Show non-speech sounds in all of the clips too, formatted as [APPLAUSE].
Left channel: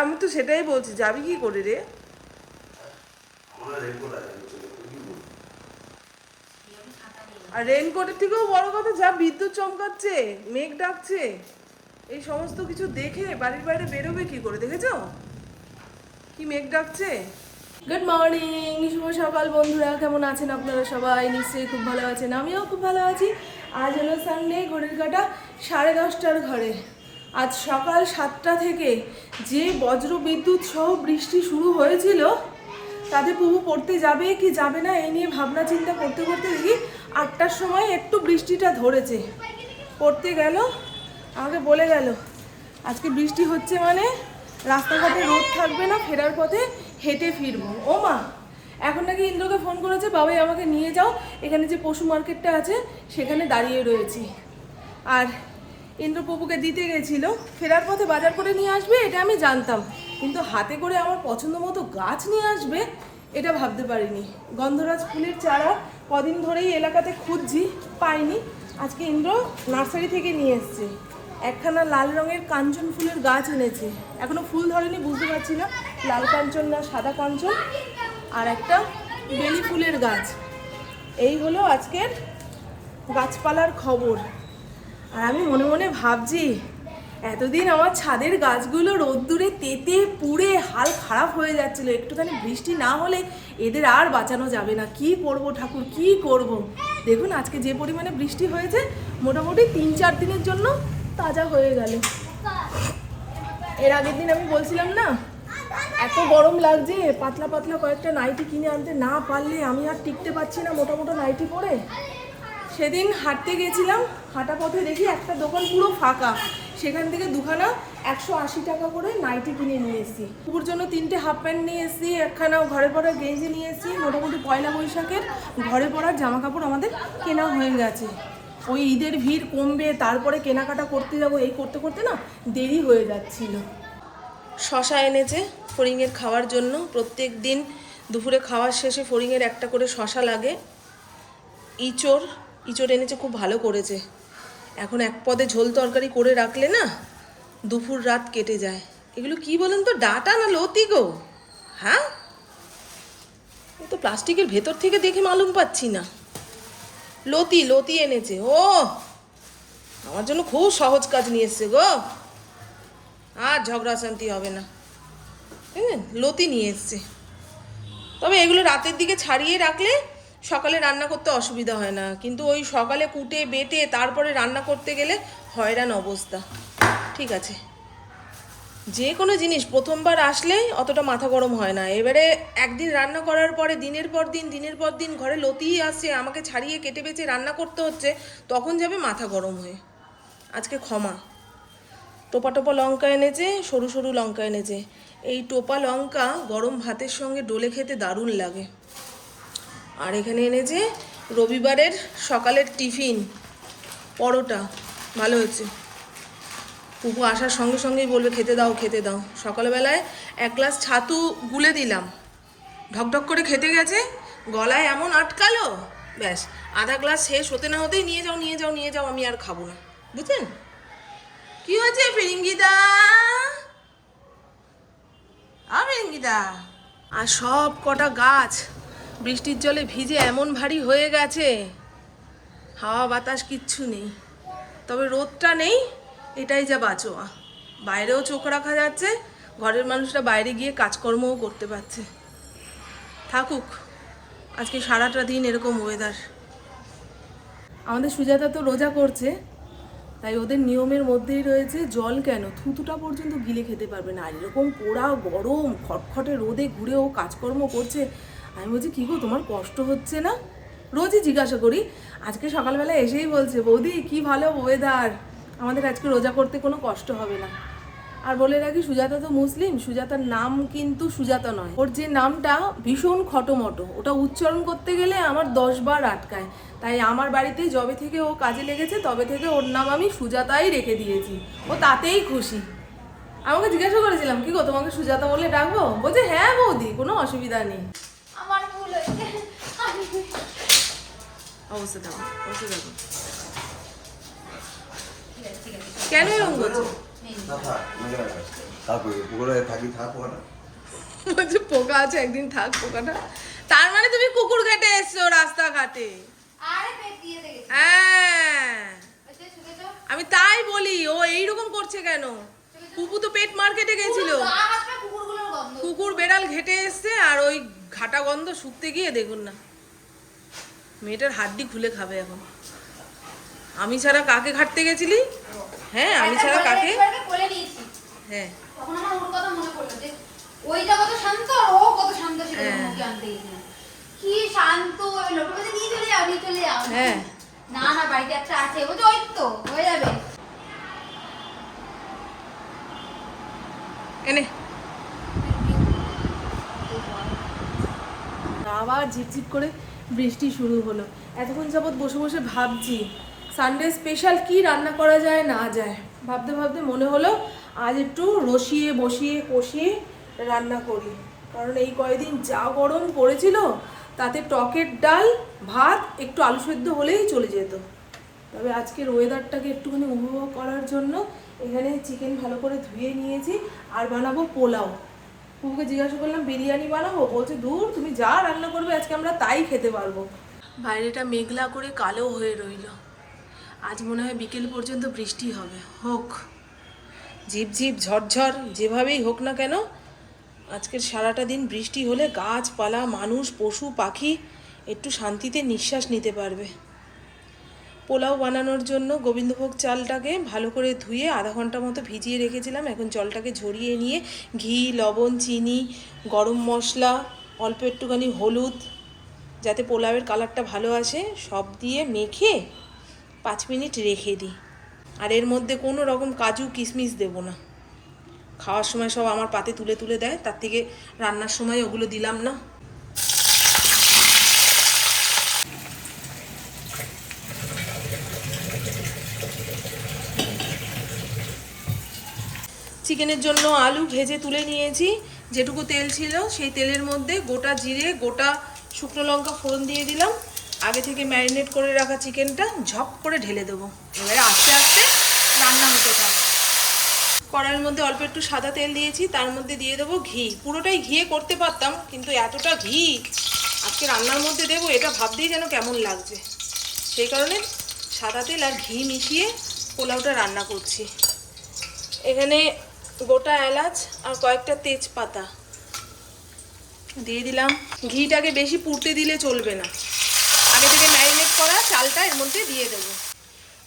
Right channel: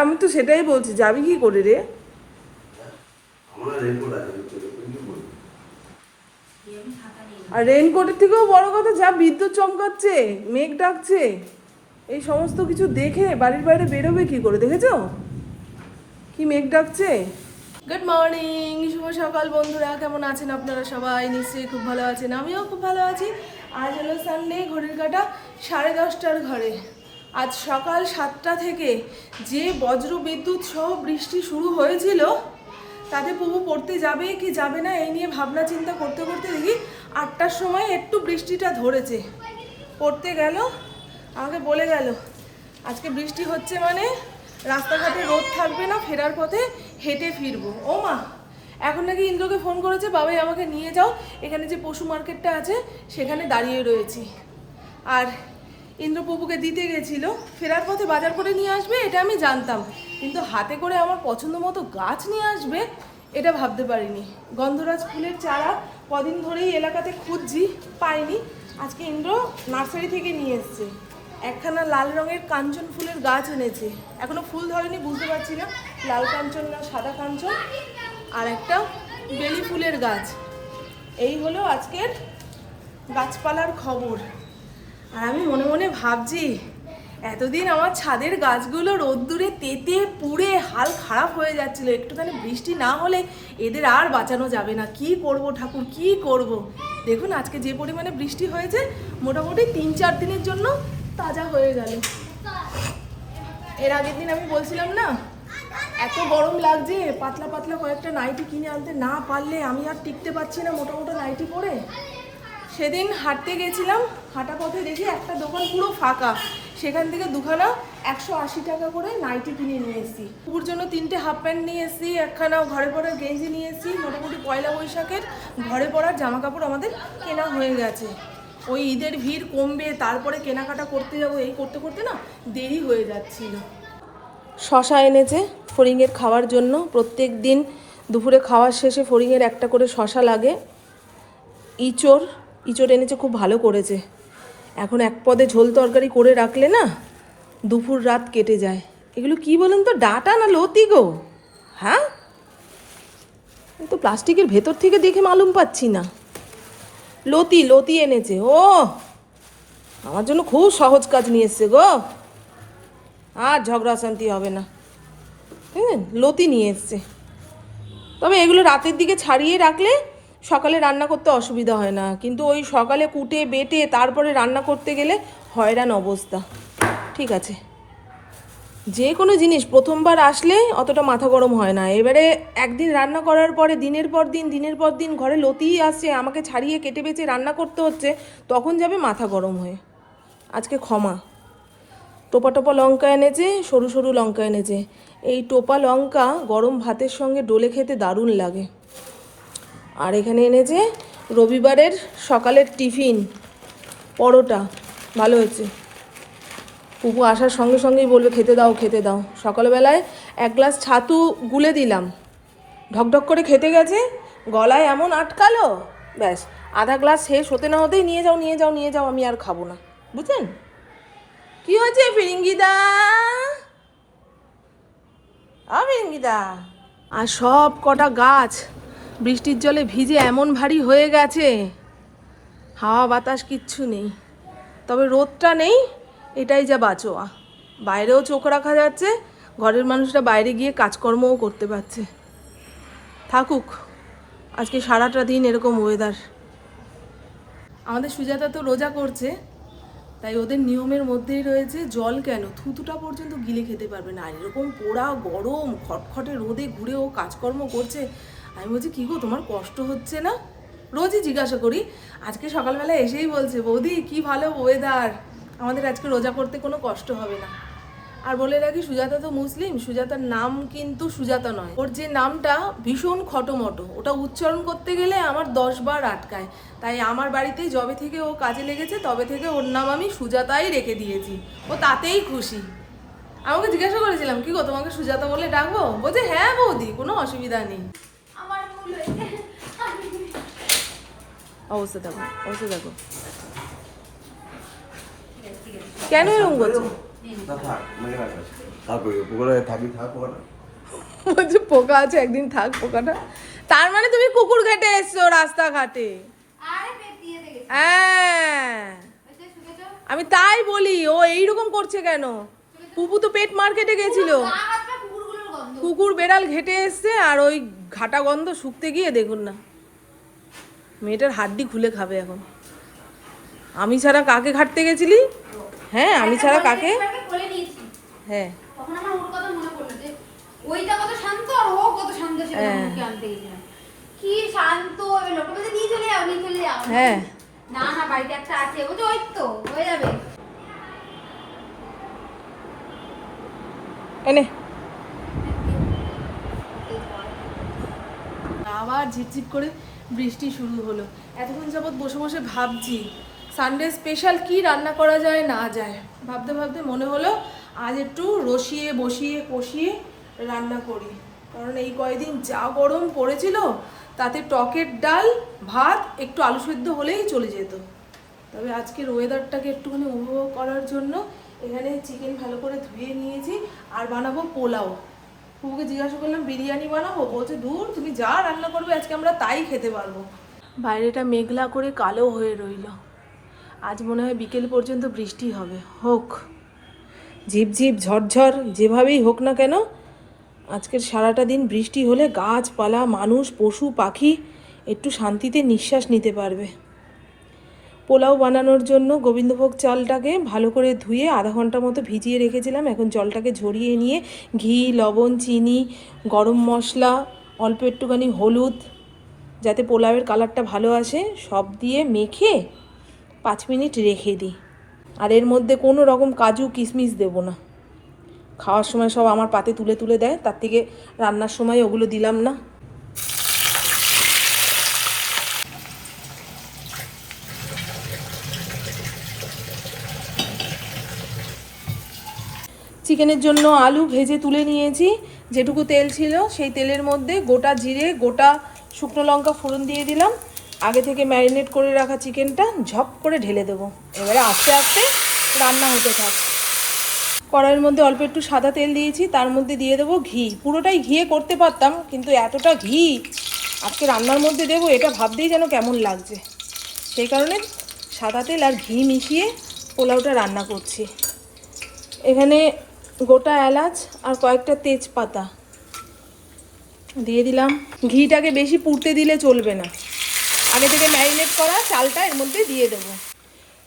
আমি তো সেটাই বলছি, যাবি কি করে রে? আর রেনকোটের থেকেও বড় কথা, যা বিদ্যুৎ চমকাচ্ছে, মেঘ ডাকছে, এই সমস্ত কিছু দেখে বাড়ির বাইরে বেরোবে কি করে, দেখেছ? কি মেঘ ডাকছে? গুড মর্নিং শুভ সকাল বন্ধুরা, কেমন আছেন আপনারা সবাই? নিশ্চয়ই খুব ভালো আছেন, আমিও খুব ভালো আছি। আজ হলো সানডে ঘড়ির কাটা সাড়ে দশটার ঘরে। আজ সকাল সাতটা থেকে যে বজ্র বিদ্যুৎ সহ বৃষ্টি শুরু হয়েছিল, তাতে পুবু পড়তে যাবে কি যাবে না এই নিয়ে ভাবনা চিন্তা করতে করতে দেখি আটটার সময় একটু বৃষ্টিটা ধরেছে। পড়তে গেল, আমাকে বলে গেল, আজকে বৃষ্টি হচ্ছে মানে রাস্তাঘাটে রোদ থাকবে না, ফেরার পথে হেঁটে ফিরবো। ও মা, এখন নাকি ইন্দ্রকে ফোন করেছে, বাবাই আমাকে নিয়ে যাও, এখানে যে পশু মার্কেটটা আছে, সেখানে দাঁড়িয়ে রয়েছি। আর ইন্দ্রপ্রভুকে দিতে গেছিল, ফেরার পথে বাজার করে নিয়ে আসবে, এটা আমি জানতাম। কিন্তু হাতে করে আমার পছন্দ মতো গাছ নিয়ে আসবে, এটা ভাবতে পারিনি। গন্ধরাজ ফুলের চারা কদিন ধরেই এলাকাতে খুঁজছি, পাইনি। আজকে ইন্দ্র নার্সারি থেকে নিয়ে এসছে। একখানা লাল রঙের কাঞ্চন ফুলের গাছ এনেছে। এখনও ফুল ধরেনি, বুঝতে পারছি না। লাল কাঞ্চন না সাদা কাঞ্চন, আর একটা বেলি ফুলের গাছ। এই হলো আজকের গাছপালার খবর। আর আমি মনে মনে ভাবছি, এতদিন আমার ছাদের গাছগুলো রোদ্দুরে তেতে পুড়ে হাল খারাপ হয়ে যাচ্ছিল, একটুখানি বৃষ্টি না হলে এদের আর বাঁচানো যাবে না। কি করব ঠাকুর, কি করব? দেখুন, আজকে যে পরিমাণে বৃষ্টি হয়েছে, মোটামুটি তিন চার দিনের জন্য তাজা হয়ে গেল। এর আগের দিন আমি বলছিলাম না, এত গরম লাগছে, পাতলা পাতলা কয়েকটা নাইটি কিনে আনতে না পারলে আমি আর টিকতে পারছি না মোটা মোটা নাইটি পরে। সেদিন হাঁটতে গেছিলাম, হাঁটা পথে দেখি একটা দোকান পুরো ফাঁকা। সেখান থেকে দুখানা একশো আশি টাকা করে নাইটি কিনে নিয়ে এসেছি। পুকুর জন্য তিনটে হাফ প্যান্ট নিয়ে এসেছি, একখানা ঘরে পরার গেঞ্জি নিয়ে এসেছি, মোটামুটি পয়লা বৈশাখের ঘরে পরার জামা কাপড় আমাদের কেনা হয়ে গেছে। ওই ঈদের ভিড় কমবে, তারপরে কেনাকাটা করতে যাব, এই করতে করতে না দেরি হয়ে যাচ্ছিল। শশা এনেছে ফড়িংয়ের খাওয়ার জন্য। প্রত্যেক দিন দুপুরে খাওয়ার শেষে ফড়িংয়ের একটা করে শশা লাগে। ইচোর ইচোর এনেছে, খুব ভালো করেছে। এখন এক পদে ঝোল তরকারি করে রাখলে না, দুপুর রাত কেটে যায়। এগুলো কি বলেন তো, ডাটা না লতি গো? হ্যাঁ? তো প্লাস্টিকের ভেতর থেকে দেখে মালুম পাচ্ছি না। লতি লতি এনেছে, ও! আমার জন্য খুব সহজ কাজ নিয়ে এসছে গো। আর ঝগড়া শান্তি হবে না। হ্যাঁ লতি নিয়ে এসছে। তবে এগুলো রাতের দিকে ছাড়িয়ে রাখলে সকালে রান্না করতে অসুবিধা হয় না। কিন্তু ওই সকালে কুটে, বেটে, তারপরে রান্না করতে গেলে হয়রান অবস্থা। ঠিক আছে। যে কোনো জিনিস প্রথমবার আসলে অতটা মাথা গরম হয় না। এবারে একদিন রান্না করার পরে দিনের পর দিন, দিনের পর দিন ঘরে লতিই আসছে আমাকে ছাড়িয়ে কেটে বেঁচে রান্না করতে হচ্ছে, তখন যাবে মাথা গরম হয়ে। আজকে ক্ষমা। টোপা টোপা লঙ্কা এনেছে, সরু সরু লঙ্কা এনেছে। এই টোপা লঙ্কা গরম ভাতের সঙ্গে ডলে খেতে দারুণ লাগে। আর এখানে এনেছে রবিবারের সকালের টিফিন, পরোটা, ভালো হয়েছে। পুপু আসার সঙ্গে সঙ্গেই বলবে খেতে দাও খেতে দাও। সকালবেলায় এক গ্লাস ছাতু গুলে দিলাম। ঢকঢক করে খেতে গেছে, গলায় এমন আটকালো, ব্যাস, আধা গ্লাস শেষ হতে না হতেই নিয়ে যাও নিয়ে যাও নিয়ে যাও, আমি আর খাব না। বুঝলেন কি হয়েছে ফিরিঙ্গিদা ফিরিঙ্গিদা আর সব কটা গাছ বৃষ্টির জলে ভিজে এমন ভারী হয়ে গেছে। হাওয়া বাতাস কিচ্ছু নেই। তবে রোদটা নেই, এটাই যা বাঁচোয়া। বাইরেও চোখ রাখা যাচ্ছে, ঘরের মানুষরা বাইরে গিয়ে কাজকর্মও করতে পারছে। থাকুক, আজকে সারাটা দিন এরকম ওয়েদার আমাদের সুজাতা তো রোজা করছে, তাই ওদের নিয়মের মধ্যেই রয়েছে জল কেন? থুতুটা পর্যন্ত গিলে খেতে পারবে না। আর এরকম পোড়া গরম, খটখটে রোদে ঘুরে ও কাজকর্ম করছে আমি বলছি, কী গো, তোমার কষ্ট হচ্ছে না? রোজই জিজ্ঞাসা করি। আজকে সকালবেলা এসেই বলছে, বৌদি, কি ভালো ওয়েদার আমাদের আজকে রোজা করতে কোনো কষ্ট হবে না। আর বলে রাখি, সুজাতা তো মুসলিম, সুজাতার নাম কিন্তু সুজাতা নয়। ওর যে নামটা ভীষণ খটোমটো। ওটা উচ্চারণ করতে গেলে আমার দশ বার আটকায়। তাই আমার বাড়িতে যবে থেকে ও কাজে লেগেছে, তবে থেকে ওর নাম আমি সুজাতাই রেখে দিয়েছি। ও তাতেই খুশি। আমাকে জিজ্ঞাসা করেছিলাম, কি গো, তোমাকে সুজাতা বলে ডাকবো? বলছে হ্যাঁ বৌদি, কোনো অসুবিধা নেই। অবস্থা থাকো অবস্থা থাকো কেন এরকম করছ মনে পোকা আছে একদিন থাক পোকাটা তার মানে তুমি কুকুর ঘেটে এসছো রাস্তাঘাটে হ্যাঁ আমি তাই বলি ও এইরকম করছে কেন? পুপু তো পেট মার্কেটে গেছিল। কুকুর বেড়াল ঘেটে এসছে আর ওই ঘাটা গন্ধ শুকতে গিয়ে দেখুন না। মেয়েটার হাড্ডি খুলে খাবে এখন। আমি ছাড়া কাকে ঘাটতে গেছিলি? হ্যাঁ আমি ছাড়া কাকে? হ্যাঁ। ওইটা কত শান্ত আর ও কত শান্ত সেটা হ্যাঁ। মুখে আনতে গেছিলাম। কি শান্ত ওই লোকটা নিয়ে চলে যাও নিয়ে চলে যাও। হ্যাঁ। না না বাড়িতে একটা আছে ওই তো হয়ে যাবে। আবার ঝিপঝিপ করে বৃষ্টি শুরু হলো। এতক্ষণ যাবৎ বসে বসে ভাবছি সানডে স্পেশাল কি রান্না করা যায়, না যায়? ভাবতে ভাবতে মনে হলো, আজ একটু রসিয়ে, বসিয়ে, কষিয়ে রান্না করি। কারণ এই কয়েকদিন যা গরম পড়েছিল, তাতে টকের ডাল, ভাত, একটু আলু সেদ্ধ হলেই চলে যেত। তবে আজকের ওয়েদারটাকে একটুখানি উপভোগ করার জন্য এখানে চিকেন ভালো করে ধুয়ে নিয়েছি, আর বানাবো পোলাও। পুকুকে জিজ্ঞাসা করলাম, বিরিয়ানি বানাবো? বলছে, দূর, তুমি যা রান্না করবে, আজকে আমরা তাই খেতে পারব। বাইরেটা মেঘলা করে কালো হয়ে রইল। আজ মনে হয় বিকেল পর্যন্ত বৃষ্টি হবে। হোক। ঝিপঝিপ ঝরঝর যেভাবেই হোক না কেন, আজকের সারাটা দিন বৃষ্টি হলে গাছপালা, মানুষ, পশু, পাখি একটু শান্তিতে নিঃশ্বাস নিতে পারবে। পোলাও বানানোর জন্য গোবিন্দভোগ চালটাকে ভালো করে ধুয়ে আধা ঘণ্টা মতো ভিজিয়ে রেখেছিলাম। এখন জলটাকে ঝরিয়ে নিয়ে ঘি, লবণ, চিনি, গরম মশলা, অল্প একটুখানি হলুদ, যাতে পোলাওয়ের কালারটা ভালো আসে, সব দিয়ে মেখে পাঁচ মিনিট রেখে দিই। আর এর মধ্যে কোনো রকম কাজু, কিশমিশ দেবো না। খাওয়ার সময় সব আমার পাতে তুলে তুলে দেয়, তার থেকে রান্নার সময় ওগুলো দিলাম না। চিকেনের জন্য আলু ভেজে তুলে নিয়েছি। যেটুকু তেল ছিল, সেই তেলের মধ্যে গোটা জিরে, গোটা শুকনো লঙ্কা ফোড়ন দিয়ে দিলাম। আগে থেকে ম্যারিনেট করে রাখা চিকেনটা ঝপ করে ঢেলে দেবো। এবারে আস্তে আস্তে রান্না হতে থাক। কড়াইয়ের মধ্যে অল্প একটু সাদা তেল দিয়েছি, তার মধ্যে দিয়ে দেবো ঘি। পুরোটাই ঘিয়ে করতে পারতাম, কিন্তু এতটা ঘি, আজকে রান্নার মধ্যে দেবো, এটা ভাবতেই যেন কেমন লাগছে। সেই কারণে সাদা তেল আর ঘি মিশিয়ে পোলাওটা রান্না করছি। এখানে গোটা এলাচ আর কয়েকটা তেজপাতা। দিয়ে দিলাম। ঘিটাকে বেশি পুড়তে দিলে চলবে না। আগে থেকে ম্যারিনেট করা চালটা এর মধ্যে দিয়ে দেবো।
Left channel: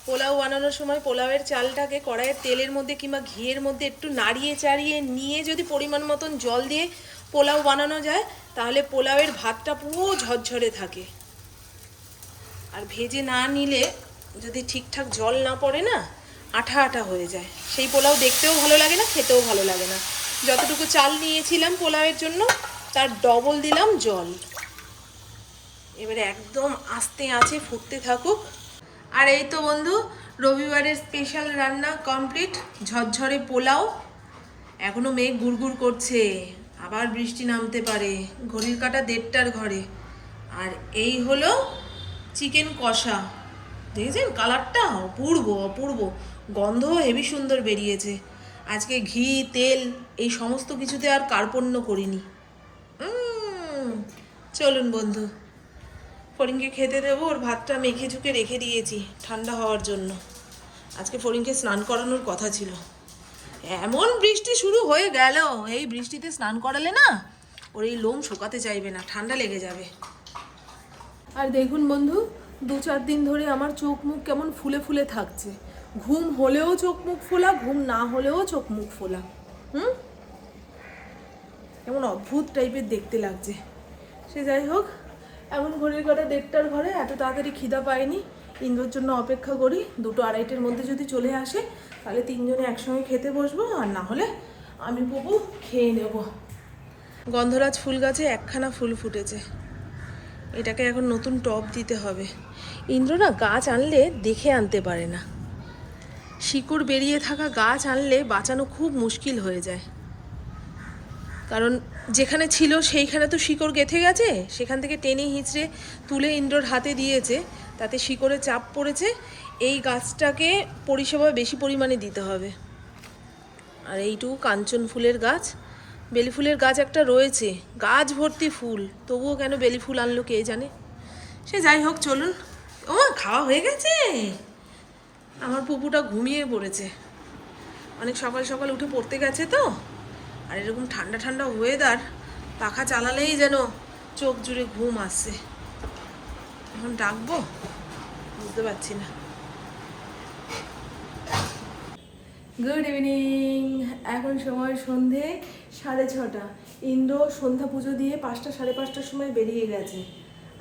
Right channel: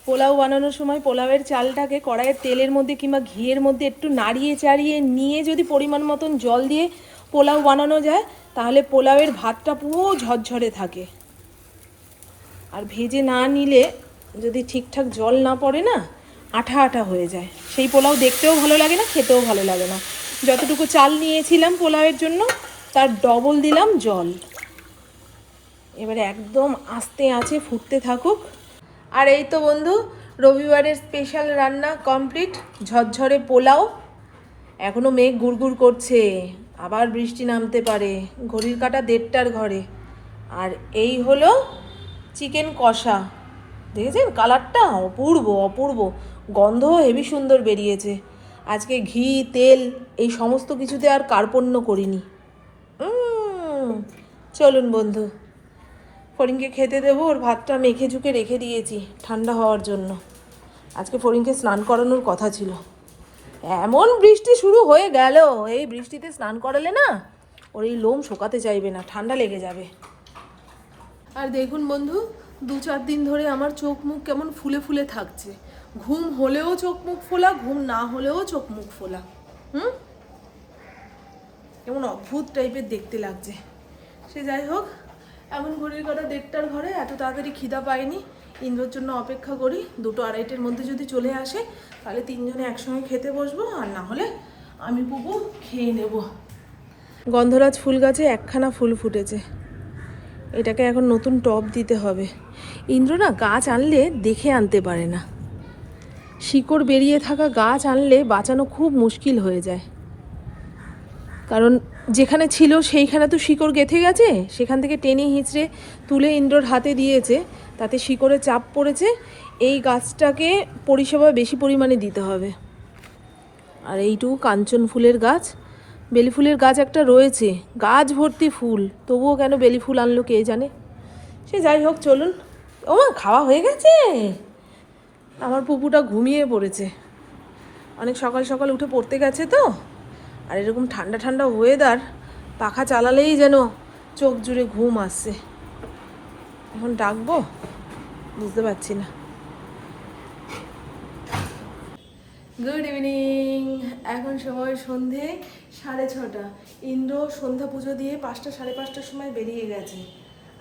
পোলাও বানানোর সময় পোলাওয়ের চালটাকে কড়াইয়ের তেলের মধ্যে কিংবা ঘিয়ের মধ্যে একটু নাড়িয়ে চাড়িয়ে নিয়ে যদি পরিমাণ মতন জল দিয়ে পোলাও বানানো যায়, তাহলে পোলাওয়ের ভাতটা পুরো ঝরঝরে থাকে। আর ভেজে না নিলে যদি ঠিকঠাক জল না পড়ে না আঠা আঠা হয়ে যায়। সেই পোলাও দেখতেও ভালো লাগে না, খেতেও ভালো লাগে না। যতটুকু চাল নিয়েছিলাম পোলাওয়ের জন্য, তার ডবল দিলাম জল। এবারে একদম আস্তে আঁচে ফুটতে থাকুক। আর এই তো বন্ধু, রবিবারের স্পেশাল রান্না কমপ্লিট ঝরঝরে পোলাও। এখনও মেঘ গুড়গুড় করছে, আবার বৃষ্টি নামতে পারে, ঘড়ির কাটা দেড়টার ঘরে। আর এই হলো চিকেন কষা। দেখেছেন? কালারটা অপূর্ব অপূর্ব। গন্ধ হেভি সুন্দর বেরিয়েছে। আজকে ঘি, তেল এই সমস্ত কিছুতে আর কার্পণ্য করিনি। চলুন বন্ধু। ফরিনকে খেতে দেবো, ওর ভাতটা মেখে ঝুঁকে রেখে দিয়েছি ঠান্ডা হওয়ার জন্য। আজকে ফরিনকে স্নান করানোর কথা ছিল। এমন বৃষ্টি শুরু হয়ে গেল। এই বৃষ্টিতে স্নান করালে না ওর এই লোম শোকাতে চাইবে না, ঠান্ডা লেগে যাবে। আর দেখুন বন্ধু দু চার দিন ধরে আমার চোখ মুখ কেমন ফুলে ফুলে থাকছে। ঘুম হলেও চোখ মুখ ফোলা, ঘুম না হলেও চোখ মুখ ফোলা। হুম? কেমন অদ্ভুত টাইপের দেখতে লাগছে। সে যাই হোক, এমন ঘড়ির কাটা দেড়টার ঘরে এত তাড়াতাড়ি খিদা পাইনি ইন্দ্রর জন্য অপেক্ষা করি, দুটো আড়াইটের মধ্যে যদি চলে আসে, তাহলে তিনজনে একসঙ্গে খেতে বসবো, আর না হলে আমি পুপু খেয়ে নেব। গন্ধরাজ ফুল গাছে একখানা ফুল ফুটেছে। এটাকে এখন নতুন টব দিতে হবে। ইন্দ্র না গাছ আনলে দেখে আনতে পারে না। শিকড় বেরিয়ে থাকা গাছ আনলে বাঁচানো খুব মুশকিল হয়ে যায়। কারণ যেখানে ছিল সেইখানে তো শিকড় গেঁথে গেছে, সেখান থেকে টেনে হিঁচড়ে তুলে ইন্দ্রর হাতে দিয়েছে, তাতে শিকড়ে চাপ পড়েছে, এই গাছটাকে পরিষেবা বেশি পরিমাণে দিতে হবে। আর এইটুকু কাঞ্চন ফুলের গাছ। বেলি ফুলের গাছ একটা রয়েছে, গাছ ভর্তি ফুল, তবুও কেন বেলি ফুল আনলো কে জানে? সে যাই হোক, চলুন। ও খাওয়া হয়ে গেছে! আমার পুকুটা ঘুমিয়ে পড়েছে। অনেক সকাল সকাল উঠে পড়তে গেছে তো, আর এরকম ঠান্ডা ঠান্ডা ওয়েদার পাখা চালালেই যেন চোখ জুড়ে ঘুম আসছে। এখন ডাকবো? বুঝতে পারছি না। গুড ইভিনিং এখন সময় সন্ধে সাড়ে ছটা। ইন্দ্র সন্ধ্যা পুজো দিয়ে পাঁচটা সাড়ে পাঁচটার সময় বেরিয়ে গেছে।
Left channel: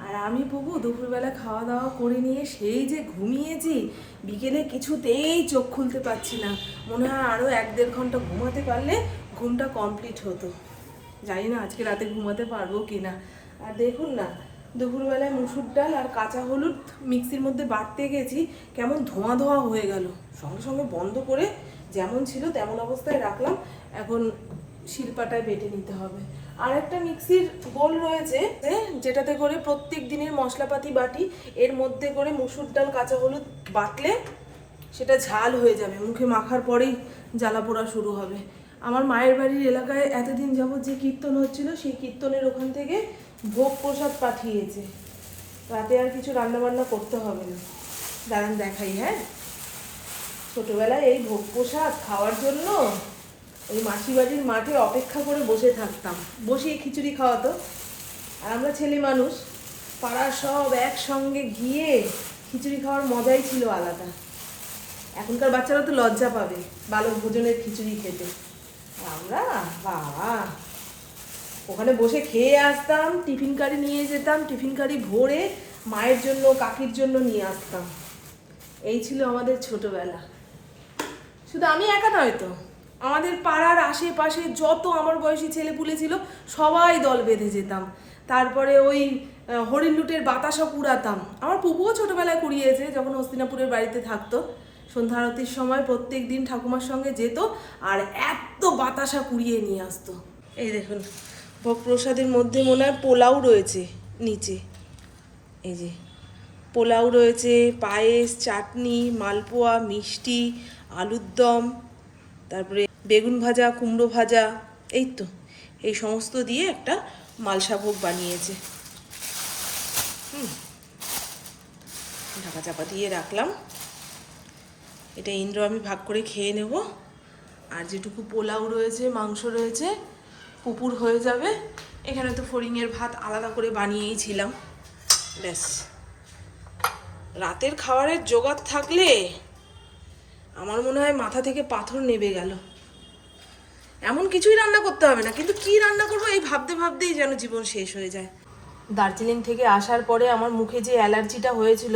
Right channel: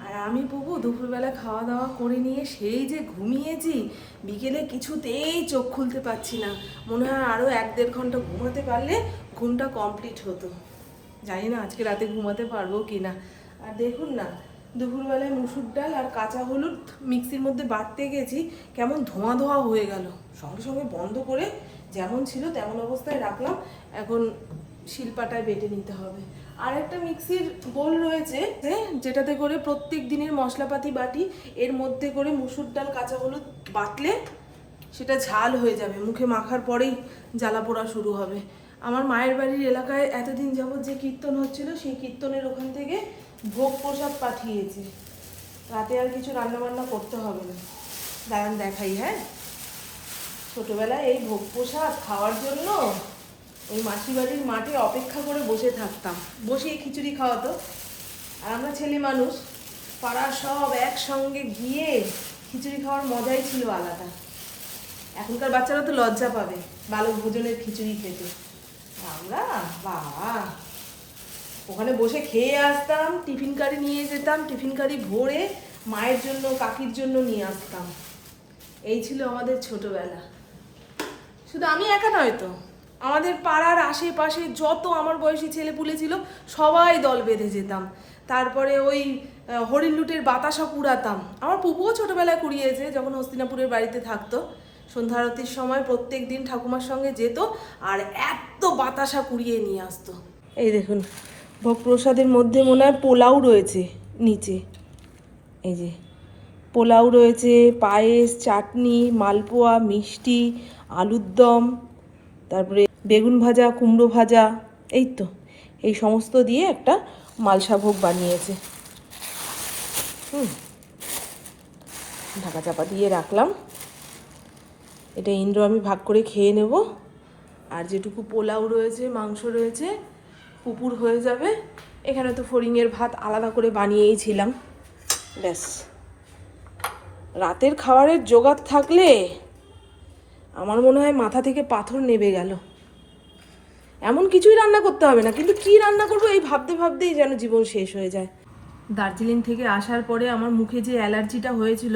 আর আমি পুকু দুপুরবেলা খাওয়া দাওয়া করে নিয়ে সেই যে ঘুমিয়েছি, বিকেলে কিছুতেই চোখ খুলতে পারছি না। মনে হয় আরও এক দেড় ঘণ্টা ঘুমাতে পারলে ঘুমটা কমপ্লিট হতো। জানি না আজকে রাতে ঘুমাতে পারব কি না আর দেখুন না, দুপুরবেলায় মুসুর ডাল আর কাঁচা হলুদ মিক্সির মধ্যে বাটতে গেছি, কেমন ধোঁয়া ধোঁয়া হয়ে গেল। সঙ্গে সঙ্গে বন্ধ করে যেমন ছিল তেমন অবস্থায় রাখলাম। এখন শিলপাটায় বেটে নিতে হবে। আর একটা মিক্সির বোল রয়েছে যেটাতে করে প্রত্যেক দিনের মশলাপাতি বাটি, এর মধ্যে করে মুসুর ডাল, কাঁচা হলুদ বাটলে সেটা ঝাল হয়ে যাবে। মুখে মাখার পরেই জ্বালা পোড়া শুরু হবে। আমার মায়ের বাড়ির এলাকায় এতদিন যাবৎ যে কীর্তন হচ্ছিল, সেই কীর্তনের ওখান থেকে ভোগ প্রসাদ পাঠিয়েছে। রাতে আর কিছু রান্নাবান্না করতে হবে না। দাঁড়ান দেখাই হ্যাঁ? ছোটোবেলায় এই ভোগ প্রসাদ খাওয়ার জন্য ওই মাসি বাড়ির মাঠে অপেক্ষা করে বসে থাকতাম। বসিয়ে খিচুড়ি খাওয়াতো। আর আমরা ছেলে মানুষ পাড়ার সব একসঙ্গে গিয়ে খিচুড়ি খাওয়ার মজাই ছিল আলাদা। এখনকার বাচ্চারা তো লজ্জা পাবে, বালক ভোজনের খিচুড়ি খেতে। আমরা, বাবা। ওখানে বসে খেয়ে আসতাম, টিফিন কারি নিয়ে যেতাম, টিফিন কারি ভরে মায়ের জন্য, কাকির জন্য নিয়ে আসতাম। এই ছিল আমাদের ছোটবেলা। শুধু আমি একা নয় তো। আমাদের পাড়ার আশেপাশে যত আমার বয়সী ছেলেপুলে ছিল, সবাই দল বেঁধে যেতাম। তারপরে ওই হরিণ লুটের বাতাসা কুড়াতাম। আমার পুপুও ছোটোবেলায় কুড়িয়েছে, যখন হস্তিনাপুরের বাড়িতে থাকতো। সন্ধ্যা আরতির সময় প্রত্যেক দিন ঠাকুমার সঙ্গে যেত আর এত বাতাসা কুড়িয়ে নিয়ে আসতো। এই দেখুন ভোগ প্রসাদের মধ্যে মনে হয় পোলাও রয়েছে নিচে। এই যে, পোলাও রয়েছে, পায়েস, চাটনি, মালপোয়া, মিষ্টি আলুর দম তারপরে বেগুন ভাজা, কুমড়ো ভাজা, এই তো। এই সমস্ত দিয়ে একটা মালসা ভোগ বানিয়েছে। হুম। ঢাকা চাপা দিয়ে রাখলাম। এটা ইন্দ্র আমি ভাগ করে খেয়ে নেব। আর যেটুকু পোলাও রয়েছে, মাংস রয়েছে, পুপুর হয়ে যাবে। এখানে তো ফড়িংয়ের ভাত আলাদা করে বানিয়েই ছিলাম। ব্যাস। রাতের খাবারের জোগাড় থাকলে আমার মনে হয় মাথা থেকে পাথর নেবে গেল। এমন কিছুই রান্না করতে হবে না, কিন্তু কি রান্না করব এই ভাবতে ভাবতেই যেন জীবন শেষ হয়ে যায়। দার্জিলিং থেকে আসার পরে আমার মুখে যে অ্যালার্জিটা হয়েছিল,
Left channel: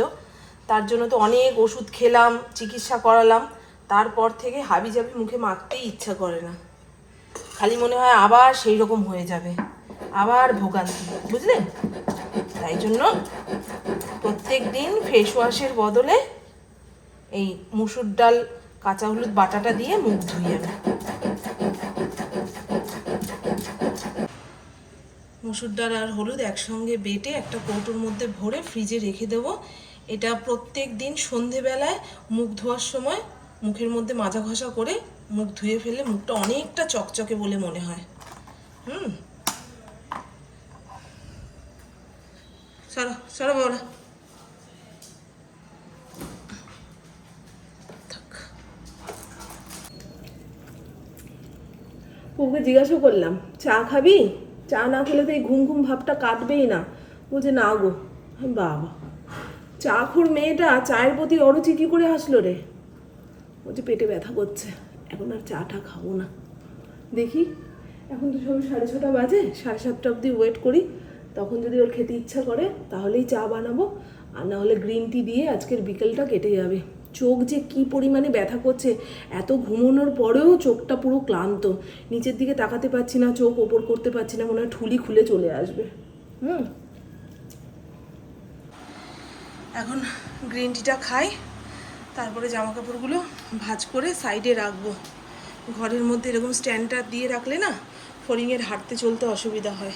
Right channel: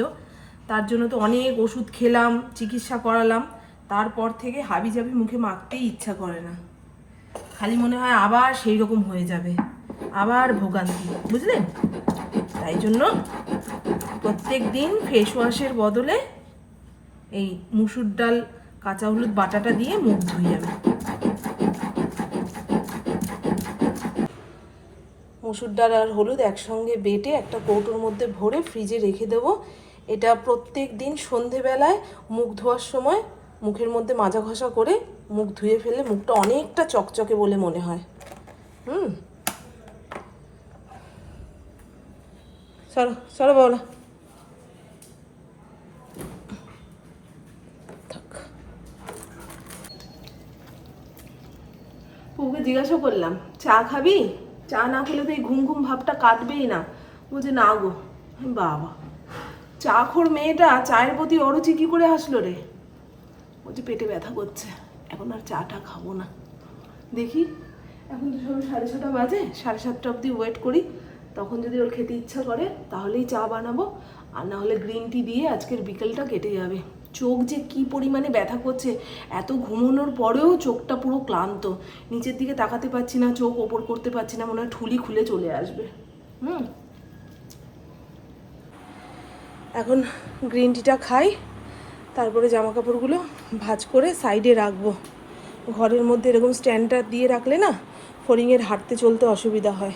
তার জন্য তো অনেক ওষুধ খেলাম, চিকিৎসা করালাম, তারপর থেকে হাবি জাবি মুখে মাখতেই ইচ্ছা করে না। খালি মনে হয় আবার সেই রকম হয়ে যাবে, আবার ভোগান্তি বুঝলেন তাই জন্য প্রত্যেক দিন ফেস ওয়াশের বদলে এই মুসুর ডাল, কাঁচা হলুদ বাটাটা দিয়ে মুখ ধুই আমি। মুসুর ডাল আর হলুদ একসঙ্গে বেটে একটা কৌটোর মধ্যে ভরে ফ্রিজে রেখে দেবো। এটা প্রত্যেক দিন সন্ধেবেলায় মুখ ধোয়ার সময় মুখের মধ্যে মাজা ঘষা করে মুখ ধুয়ে ফেলে মুখটা অনেকটা চকচকে বলে মনে হয়। হুম। সরো সরো বাবলা থাক। জিজ্ঞাসা করলাম, চা খাবি? চা না খেলে তো এই ঘুম ঘুম ভাবটা কাটবেই না। বলছে না গো বাবা। চা খোর মেয়েটা চায়ের প্রতি অরুচি কি করে আসলো রে? বলছে পেটে ব্যথা করছে, এখন আর চাটা খাব না। দেখি, এখন তো সব সাড়ে ছটা বাজে, সাড়ে সাতটা অবধি ওয়েট করি। তখন যদি ওর খেতে ইচ্ছা করে, তাহলেই চা বানাবো। আর না হলে গ্রিন টি দিয়ে আজকের বিকেলটা কেটে যাবে। চোখ যে কি পরিমাণে ব্যথা করছে, এত ঘুমানোর পরেও চোখটা পুরো ক্লান্ত। নিচের দিকে তাকাতে পারছি না, চোখ ওপর করতে পারছি না, মনে হয় ঠুলি খুলে চলে আসবে। হুম। এখন গ্রিন টিটা খাই, তারপরে জামা কাপড়গুলো ভাঁজ করে সাইডে রাখব। ঘরের মধ্যে এরকম স্ট্যান্ডটা দিয়ে রাখলে না ফড়িংয়ের হাঁটতে চলতে অসুবিধা হয়।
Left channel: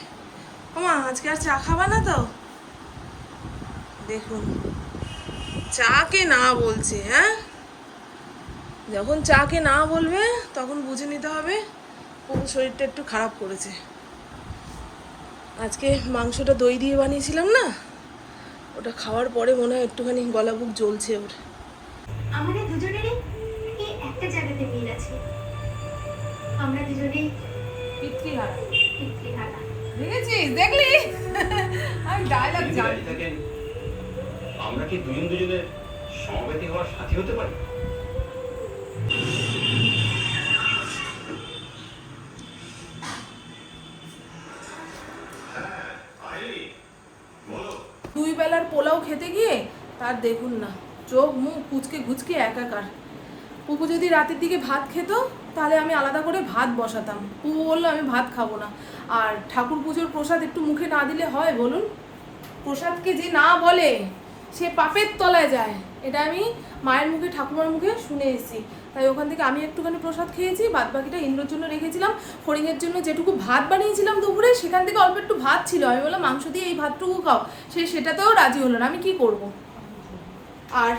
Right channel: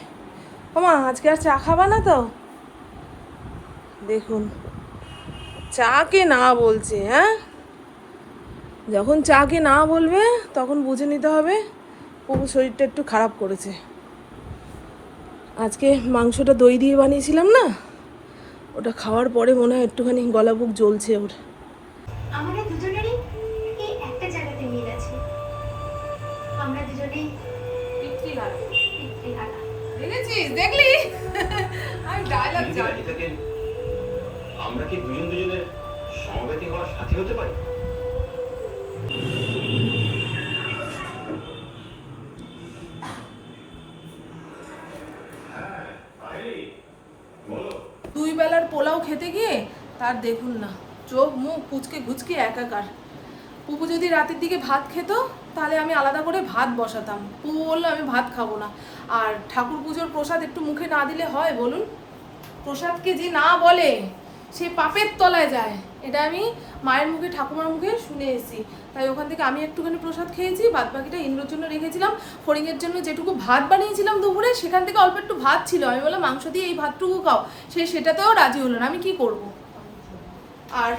ওমা, আজকে আর চা খাবা না তো? দেখুন। চা কে না বলছে হ্যাঁ? যখন চাকে না বলবে তখন বুঝে নিতে হবে ও শরীরটা একটু খারাপ করেছে। আজকে মাংসটা দই দিয়ে বানিয়েছিলাম না? ওটা খাওয়ার পরে মনে হয় একটুখানি গলা বুক জ্বলছে ওর। আমাদের দুজনেরই এই একটা জায়গাতে মিল আছে? আমরা দুজনেই পিতৃহারা। পিতৃহারা। দেখেছিস? দেখলি? [LAUGHS] আমি ডায়লগ থাকেন আমরা কি দুজন দুজনের সমবেতি হওয়ার সাথী হতে পারি? দুই বেলার পোলাও খেতে গিয়ে তার দেখুন না, চোখ, মুখ কুচকে ঘুচকে একাকার। পুপু যদি রাতের দিকে ভাত খেত, তাহলে আমি আলাদা করে ভাত বসাতাম। পুপু বলল, আমি ভাত খাব না। আর ঠাকুর পুজোর প্রসাদ একটু মুখে না দিলে হয় বলুন? প্রসাদকে যে না বলে? সে পাপের তলায় যায়। এটা আমি মায়ের মুখে, ঠাকুমার মুখে শুনে এসেছি। তাই ওখান থেকে আমি একটুখানি প্রসাদ খেয়েছি বাদ বাকিটা ইন্দ্রর জন্য রেখেছিলাম। ফড়িংয়ের জন্য যেটুকু ভাত বানিয়েছিলাম দুপুরে, সেখান থেকে অল্প একটু ভাত ছিল। আমি বললাম, মাংস দিয়ে এই ভাতটুকু খাও। সে সেটাতেও রাজি হলো না। আমি কি করব? আর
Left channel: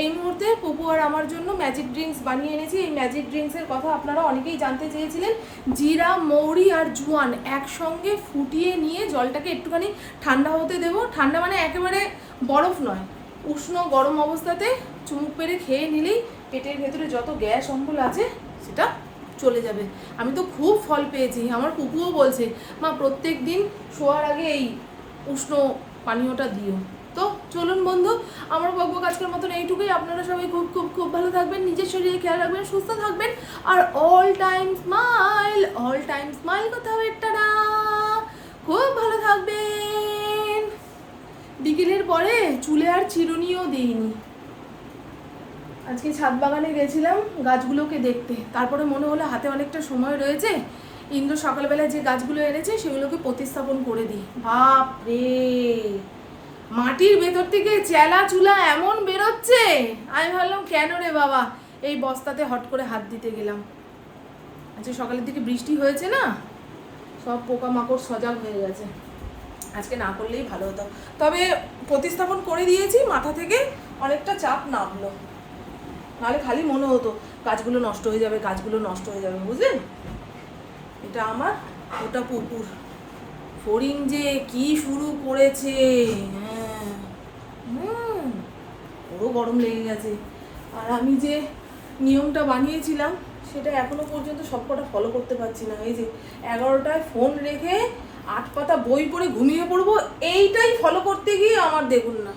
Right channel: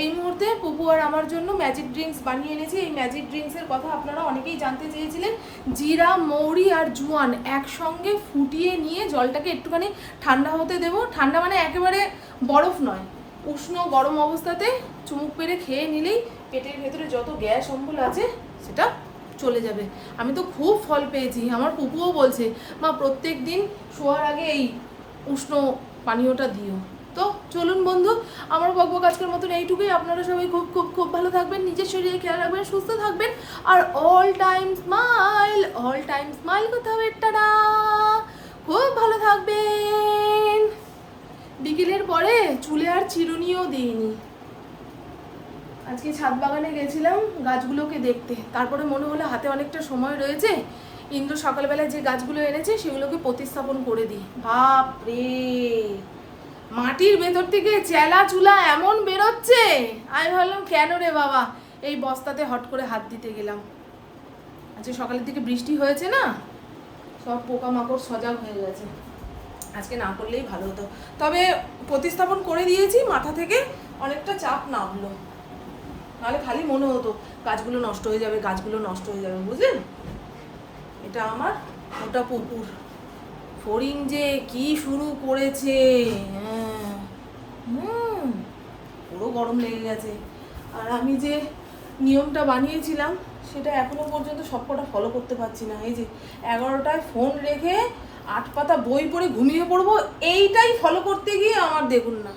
এই মুহূর্তে পুপু আর আমার জন্য ম্যাজিক ড্রিঙ্কস বানিয়ে এনেছি। এই ম্যাজিক ড্রিঙ্কসের কথা আপনারা অনেকেই জানতে চেয়েছিলেন। জিরা, মৌরি আর জুয়ান একসঙ্গে ফুটিয়ে নিয়ে জলটাকে একটুখানি ঠান্ডা হতে দেবো। ঠান্ডা মানে একেবারে বরফ নয়। উষ্ণ গরম অবস্থাতে চুমুক পেরে খেয়ে নিলেই পেটের ভেতরে যত গ্যাস অম্বল আছে, সেটা চলে যাবে। আমি তো খুব ফল পেয়েছি। আমার পুপুও বলছে, মা প্রত্যেক দিন শোয়ার আগে এই উষ্ণ পানীয়টা দিও। তো চলুন বন্ধু, আমার বকবক আজকের মতন এইটুকুই। আপনারা সবাই খুব খুব খুব ভালো থাকবেন, নিজের শরীরে খেয়াল রাখবেন, সুস্থ থাকবেন। আর all time smile all time smile করতে হবে খুব ভালো থাকবেন। বিকেলের পরে চুলে আর চিরুনিও দিইনি। আজকে ছাদ বাগানে গেছিলাম গাছগুলোকে দেখতে। তারপরে মনে হলো হাতে অনেকটা সময় রয়েছে। ইন্দ্র সকালবেলা যে গাছগুলো এনেছে, সেগুলোকে প্রতিস্থাপন করে দিই। বাপ রে মাটির ভেতর থেকে চেলা চুলা এমন বেরোচ্ছে। আমি ভাবলাম, কেন রে বাবা? এই বস্তাতে হট করে হাত দিতে গেলাম। আজকে সকালের দিকে বৃষ্টি হয়েছে না? সব পোকামাকড় সজাগ হয়ে গেছে। আজকে না করলেই ভালো হতো। তবে প্রতিস্থাপন করে দিয়েছি, মাথা থেকে অনেকটা চাপ নামলো। নাহলে খালি মনে হতো, গাছগুলো নষ্ট হয়ে যাবে, গাছগুলো নষ্ট হয়ে যাবে। বুঝলেন? এটা আমার ওটা পুকুর। ফড়িং যে কি শুরু করেছে হ্যাঁ? গরম লেগে গেছে। আর আমি যে নিয়মটা বানিয়েছিলাম, সেটা এখনও পর্যন্ত সবকটা ফলো করতে পারছি না। এই যে এগারোটায় ফোন রেখে আট পাতা বই পড়ে ঘুমিয়ে পড়ব, এইটাই ফলো করতে গিয়ে আমার দেখুন না।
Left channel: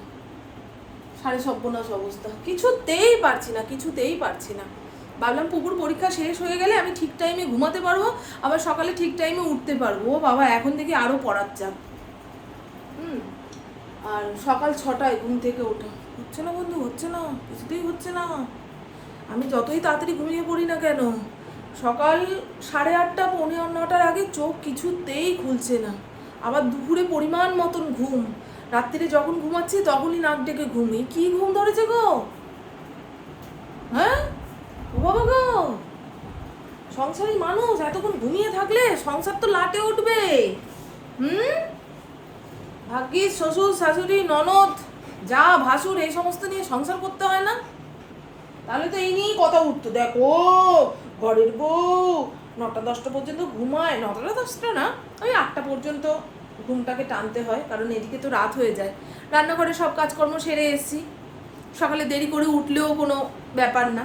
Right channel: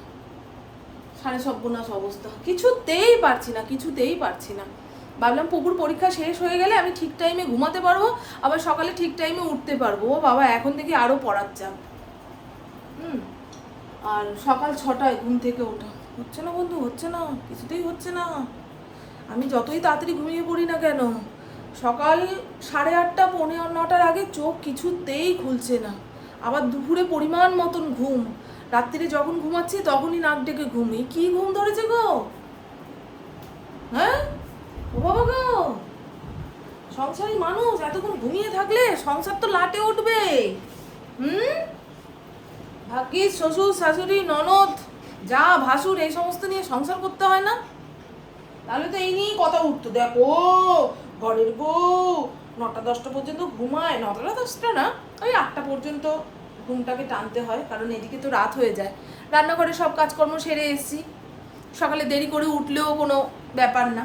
সাড়ে সর্বনাশ অবস্থা। কিছুতেই পারছি না, কিছুতেই পারছি না। ভাবলাম পুকুর পরীক্ষা শেষ হয়ে গেলে আমি ঠিক টাইমে ঘুমাতে পারব, আবার সকালে ঠিক টাইমে উঠতে পারব। ও বাবা, এখন থেকে আরও পড়ার চাপ। হুম, আর সকাল ছটায় ঘুম থেকে ওঠা। হচ্ছে না বন্ধু, হচ্ছে না, কিছুতেই হচ্ছে না। আমি যতই তাড়াতাড়ি ঘুমিয়ে পড়ি না কেন, সকাল সাড়ে আটটা, পৌনে নটার আগে চোখ কিছুতেই খুলছে না। আবার দুপুরে পরিমাণ মতন ঘুম। রাত্রিরে যখন ঘুমাচ্ছি তখনই নাক ডেকে ঘুমি। কি ঘুম ধরেছে গো? হ্যাঁ? ও বাবা গো! সংসারী মানুষ, এতক্ষণ ঘুমিয়ে থাকলে সংসার তো লাটে উঠবে। হুম? ভাগ্যিস, শ্বশুর, শাশুড়ি, ননদ যা ভাসুর, এই সমস্ত নিয়ে সংসার করতে হয় না? তাহলে তো এই নিয়েই কথা উঠতো। দেখো, ঘরের বউ, নটা, দশটা পর্যন্ত ঘুমায়। নটা দশটা না, ওই আটটা পর্যন্ত ঘুমটাকে টানতে হয়, কারণ এদিকে তো রাত হয়ে যায়। রান্নাঘরে সব কাজকর্ম সেরে এসছি। সকালে দেরি করে উঠলেও কোনো ব্যাপার না।